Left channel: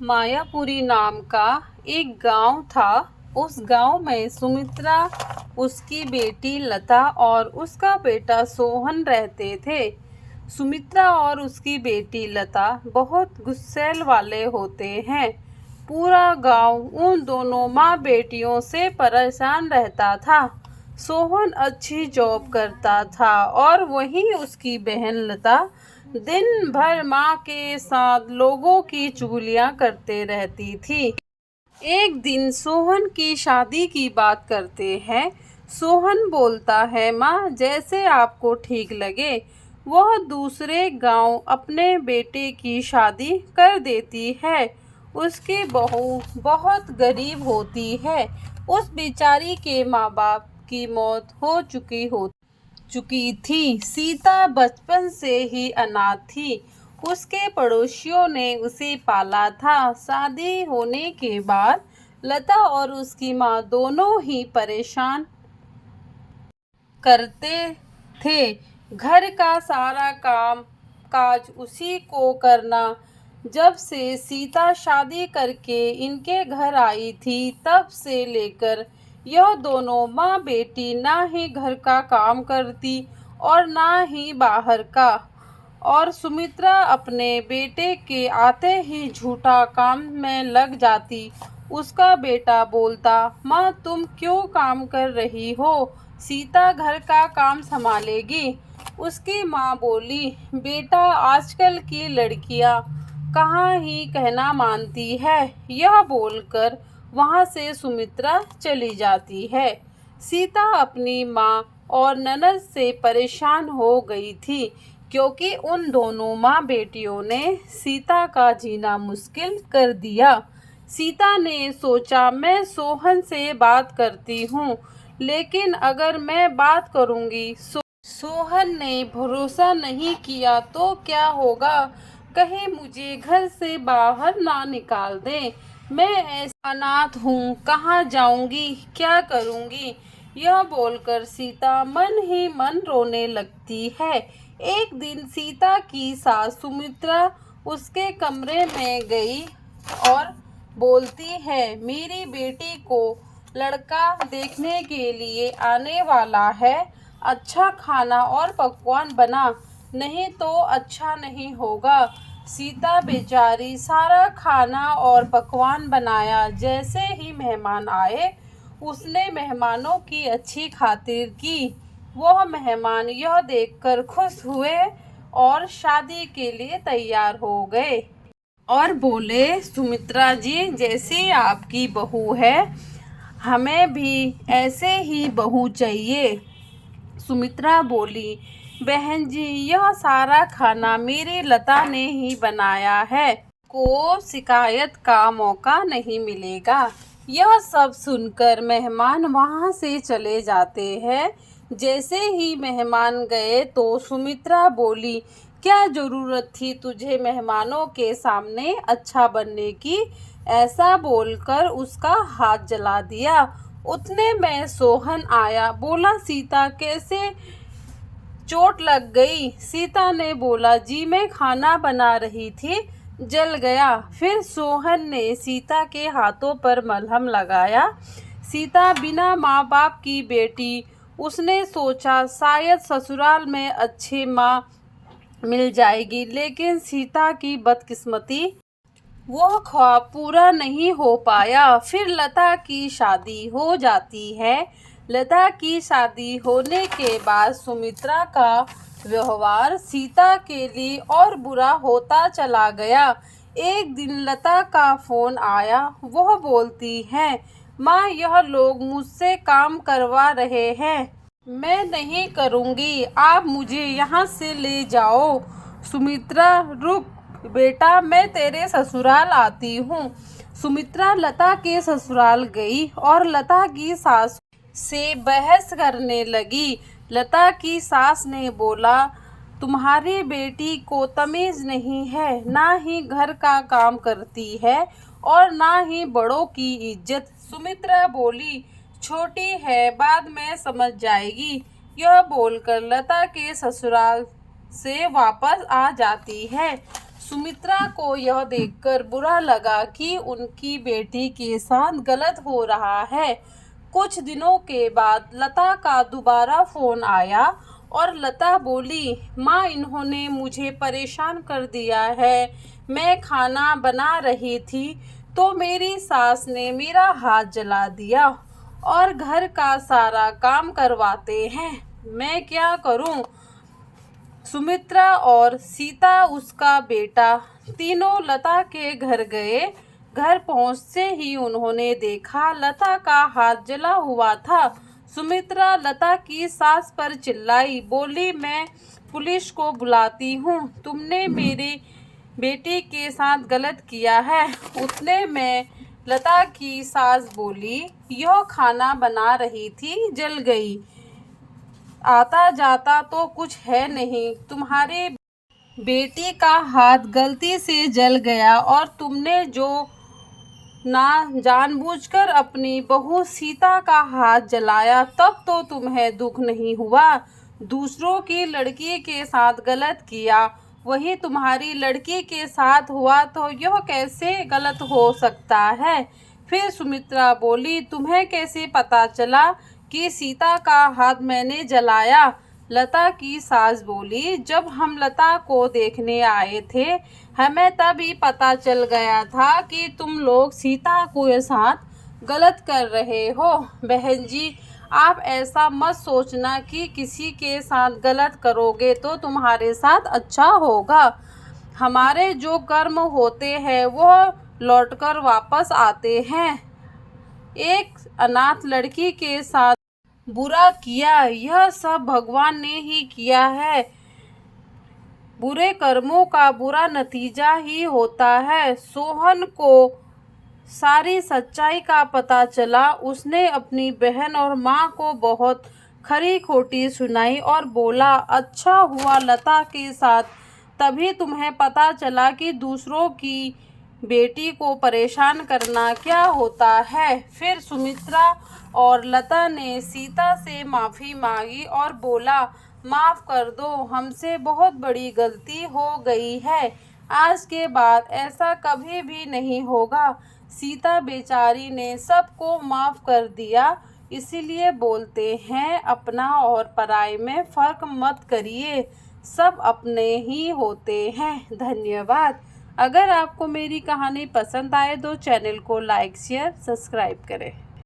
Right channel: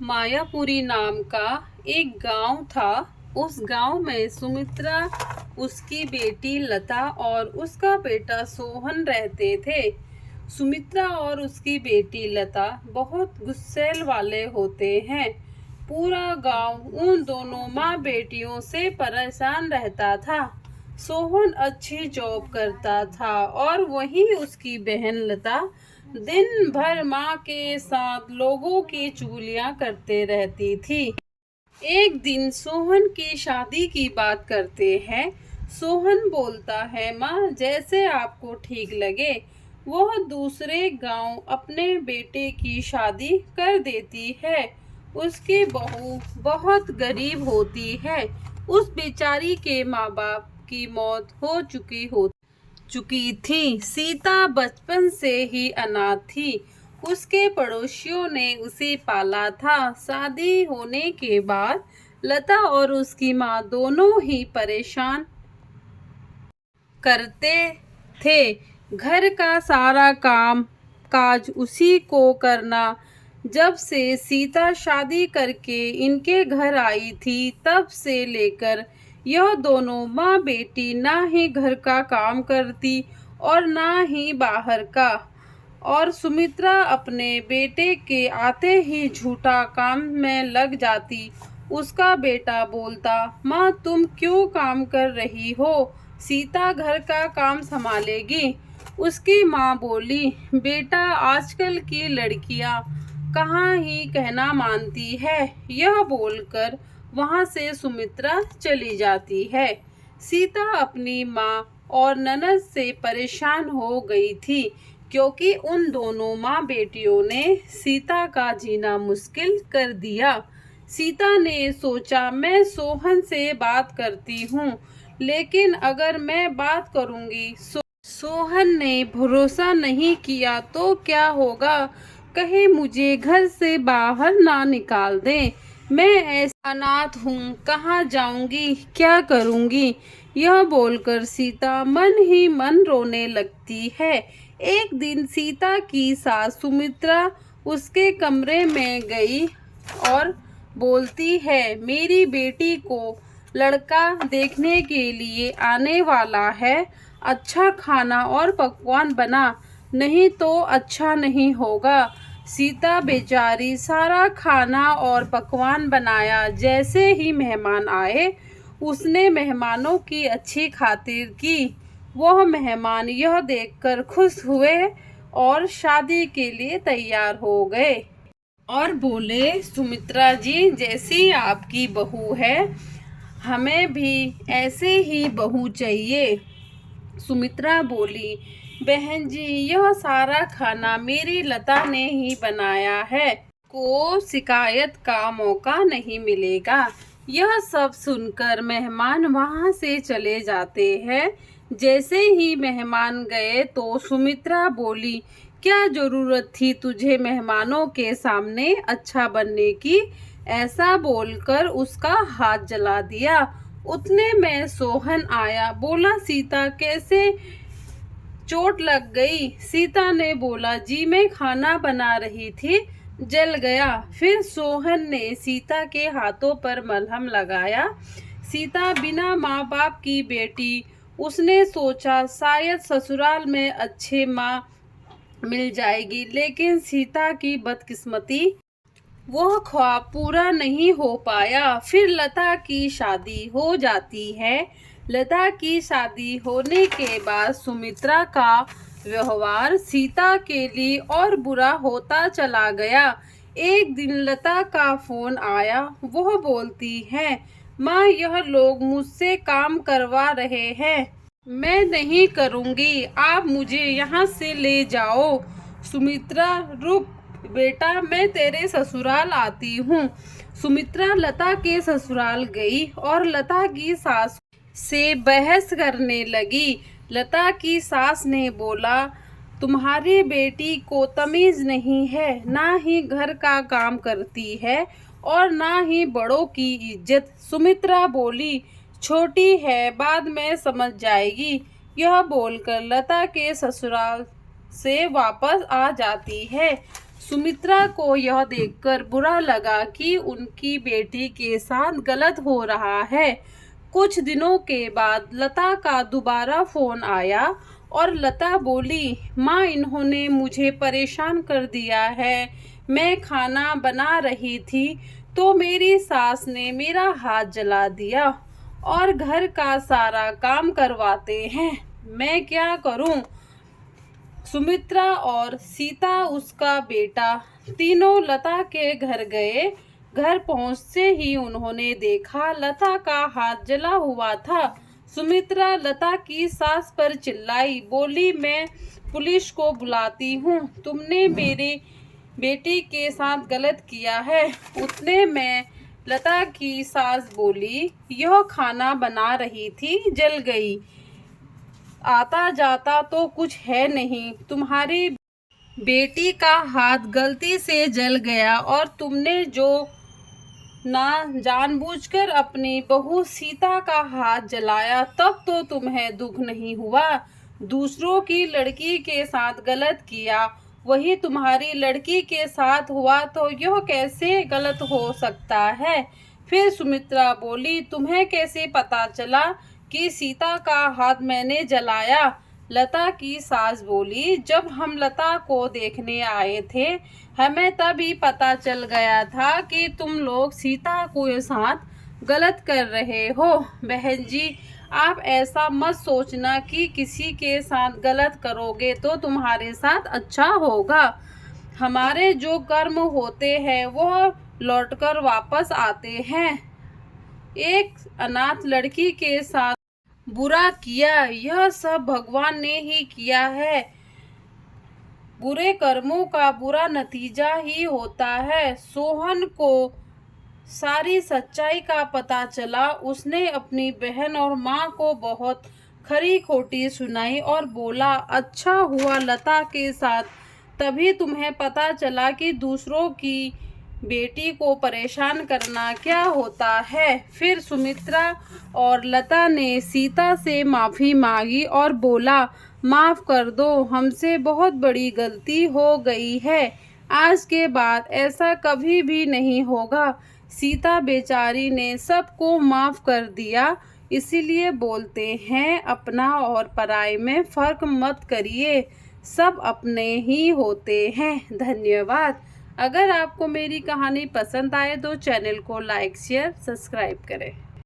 मायापुरी नाम का एक गांव था। उस गांव में सुमित्रा, उसकी बेटी लता और उसका बेटा सोहन रहते थे। सुमित्रा और उसकी बेटी लता बहुत गुस्सैल वाले होते हैं। पूरा गांव उन दोनों माँ बेटियों से परेशान रहता था। सोहन अच्छी जॉब करता था और वहीं उसकी बहन लता दिन भर माँ के साथ लोगों की चुगलियाँ करते रहती थी। एक दिन सोहन की शादी की बात करते हैं। सोहन बोलता है, माँ जैसे आपको ठीक लगे। वह दूसरे गांव अपने बेटे की शादी कर देती है। उसकी बहू बहुत गरीब होती है। उस बेचारी के माँ बाप की मौत हो चुकी थी। सीता बचपन से ही अनाथ थी। उसके पड़ोसियों ने उसे पाला था। शादी होने के बाद लता और उसकी माँ दोनों ही परेशान करते थे। घर का सारा काम काज उसी को करना। जब से सीता शादी करके इनके घर आई थी तब से लेकर यह दोनों माँ बेटी ना ही घर का काम करती और ना ही बाहर का। और सुमित्रा अपने बेटे के आते ही झूठा काम में लग जाती। उसका बेटा बोलता, माँ तुम क्यों काम कर रही हो? सीता घर का काम संभालेगी। उसकी माँ बोली, बेटा आजकल की लड़कियाँ कहाँ ही कहना मानती है। यह बोलकर वहाँ से सुमित्रा चली जाती है। सीता अपनी माँ और ननद से परेशान हो गई थी क्योंकि उन दोनों माँ बेटियों ने सीता का जीना मुश्किल कर दिया। सीता ने सोचा, मैं सोहन से बात करती हूँ, लेकिन अगर मैं बात करूँगी सोहन ने भरोसा नहीं किया तो क्या होगा? कहे मुझे घर से बाहर ना निकाल दे। मैं ऐसा अनाथ हूँ, कहाँ जाऊँगी, क्या करूँगी? यह बोलकर सीता मन ही मन रोने लगती है। एक दिन सीता की सास सुमित्रा उसके कमरे में गई और बोलती है, मेरी बेटी को लड़का देखने के लिए आने वाला है। अच्छा खाना और पकवान बना, नहीं तो अच्छा नहीं होगा। सीता बेचारी सारा खाना और पकवान बनाया। जैसे ही मेहमान आए उसने मेहमानों की अच्छी खातिर की। वह मेहमान यह देखकर खुश हुए और शादी के लिए तैयार हो गए और बोले, सुमित्रा जी जैसी आपकी बहू है हमें भी ऐसे ही बहू चाहिए। सुमित्रा बोली, बहन जी यह सारा खाना मेरी लता ने ही बनाया है, को शिकायत का मौका नहीं मिलेगा। यह सब सुनकर मेहमान वहां से चले जाते हैं। जैसे ही मेहमान गए तो सुमित्रा बोली, क्या जरूरत थी तुझे मेहमानों के सामने अच्छा बनने की? ऐसा बोलकर उसका हाथ जला दिया। उतने में सोहन आया। बोला, सीता कैसे चोट लग गई? सीता ने बोला, जी मैं खाना बना रही थी, जल गया। फिर सोहन ने सीता के हाथों पर मलहम लगाया। सीता बिना माँ बाप की बेटी। उसने सोचा शायद ससुराल में अच्छे माँ मिल जाएगी, लेकिन सीता की बदकिस्मती, वह ख्वाब पूरा नहीं हो पाया। फिर लता की शादी हो जाती है। लता की शादी होने के बाद सुमित्रा का व्यवहार सीता के लिए और बुरा होता चला गया। एक दिन लता का फोन आया। वह बोलती है, माँ यह लोग मुझसे काम करवा रहे हैं, मैं नहीं करूँगी, आप मुझे यहाँ से ले जाओ। सुमित्रा, रुक बेटा, मैं तेरे ससुराल आती हूँ। सुमित्रा लता के ससुराल गई और लता की सास से बहस करने लगी। लता की सास ने बोला, तुम्हारी बेटी को तमीज नहीं है, ना ही घर का काम करती है और ना ही बड़ों की इज्जत। सुमित्रा बोली, छोटी है, बाद में समझ जाएगी। यह बोलकर लता के ससुराल से वापस आ जाती है। सुमित्रा को यह देखकर बुरा लगा कि उनकी बेटी के साथ गलत हो रहा है। कुछ दिनों के बाद लता का दोबारा फोन आया और लता बोली, माँ, इन्होंने मुझे परेशान कर दिया है। मैं खाना बना रही थी तो मेरी सास ने मेरा हाथ जला दिया और घर का सारा काम करवाते हैं। मैं क्या करूं? सुमित्रा और सीता, उसका बेटा, तीनों लता के घर गए। घर पहुंचते ही उन्होंने देखा लता का हाथ जला हुआ था। सुमित्रा लता की सास पर चिल्लाई, बोली, मैं पुलिस को बुलाती हूँ, तुमने मेरी बेटी के साथ गलत किया है। उतने में लता की सास बोली, यह खाना बना रही थी, जल गई। आता जाता तो कुछ है नहीं, तुम्हारी बेटी का हाथ गलती से जल गया और तुमने जो ना जानबूझकर अपनी बहू सीता का हाथ जलाया, तब तो तुम्हें दुख नहीं हुआ। दूसरों की लड़की के साथ गलत किया, वही तुम्हारी लड़की के साथ हुआ तो यह कैसे गलत हो सकता है? फिर सुमित्रा बोली, तुम्हें कैसे पता चला कि सीता का हाथ मैंने जलाया? लता की सास बोली, जब हम लता को देखने आए थे, हमें तभी पता चल गया था कि तुम लोग सीता के साथ गलत कर रहे हो। बहन जी, आप ऐसा मत सोचना कि किसी के साथ गलत करोगे तो तुम्हारे साथ अच्छा होगा। हमारे जो कर्म होते हैं वो लौटकर वापस आते हैं। एक अनाथ लड़की के साथ बुरा किया, यह सब भगवान ने ही किया है। बुरे कर्मों का बुरा नतीजा ही होता है। सोहन को सारी सच्चाई का पता चला। उसने अपनी बहन और माँ को बहुत खरी खोटी सुनाई और बोला, अच्छा हुआ लता के साथ तभी तुम्हें पता चला कि दूसरों की बेटी को परेशान करना क्या होता है। फिर सुमित्रा और लता ने सीता से माफ़ी मांगी और बोला, माफ़ कर दो, हमसे बहुत बड़ी गलती हो गई है। आज के बाद ऐसा कभी भी नहीं होगा। सीता बेचारी ने सबको माफ़ कर दिया। इसीलिए बोलते हैं, अपना और पराये में फ़र्क मत करिए, सब अपने ही होते हैं। धन्यवाद। अगर आपको मेरी कहानी पसंद आए तो चैनल को लाइक, शेयर, सब्सक्राइब करें।